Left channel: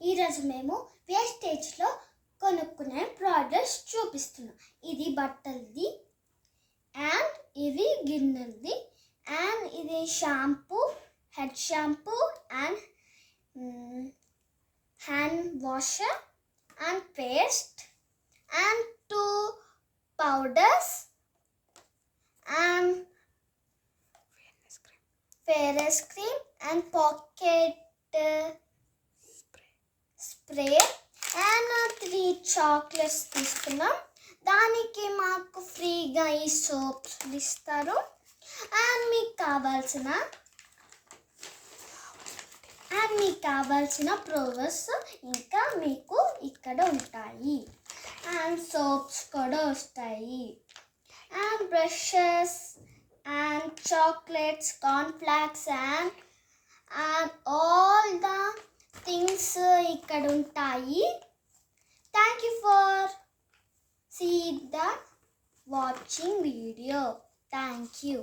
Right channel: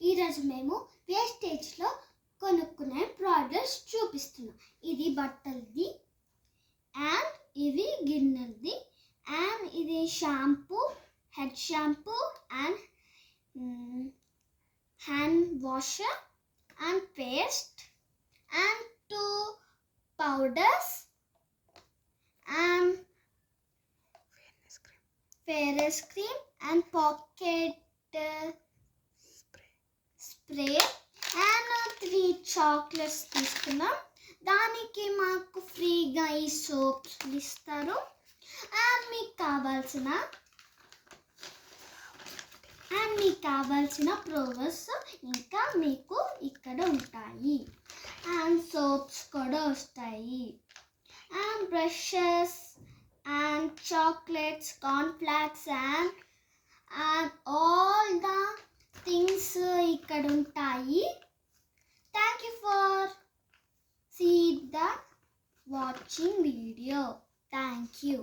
ఈరోజు మేము వేస్టేజ్లో కొనుక్కునే ప్రోడక్ట్స్ చూపిస్తున్నాం. ఇది బట్టలది అండ్ ఇది గిన్నెలది అండ్ ఇది shampoo, head shampoo and hand washer and paste and 2 powders and fairness cream and pocket spray and 3 chocolates తీసుకున్నాం. దానికి మాకు ఫ్రీగా ఈ సోప్స్ ఇస్తారు. అండ్ మీకు కావాల్సిన ప్రోడక్ట్స్ ఇంకా మీకు ఇక్కడ ఉంటాయి. and soaps కూడా వస్తాయి and brushes and chocolates, cornflakes and all the things ఇక్కడ ఉంటాయి. Thank you for see the watching video. Thank you.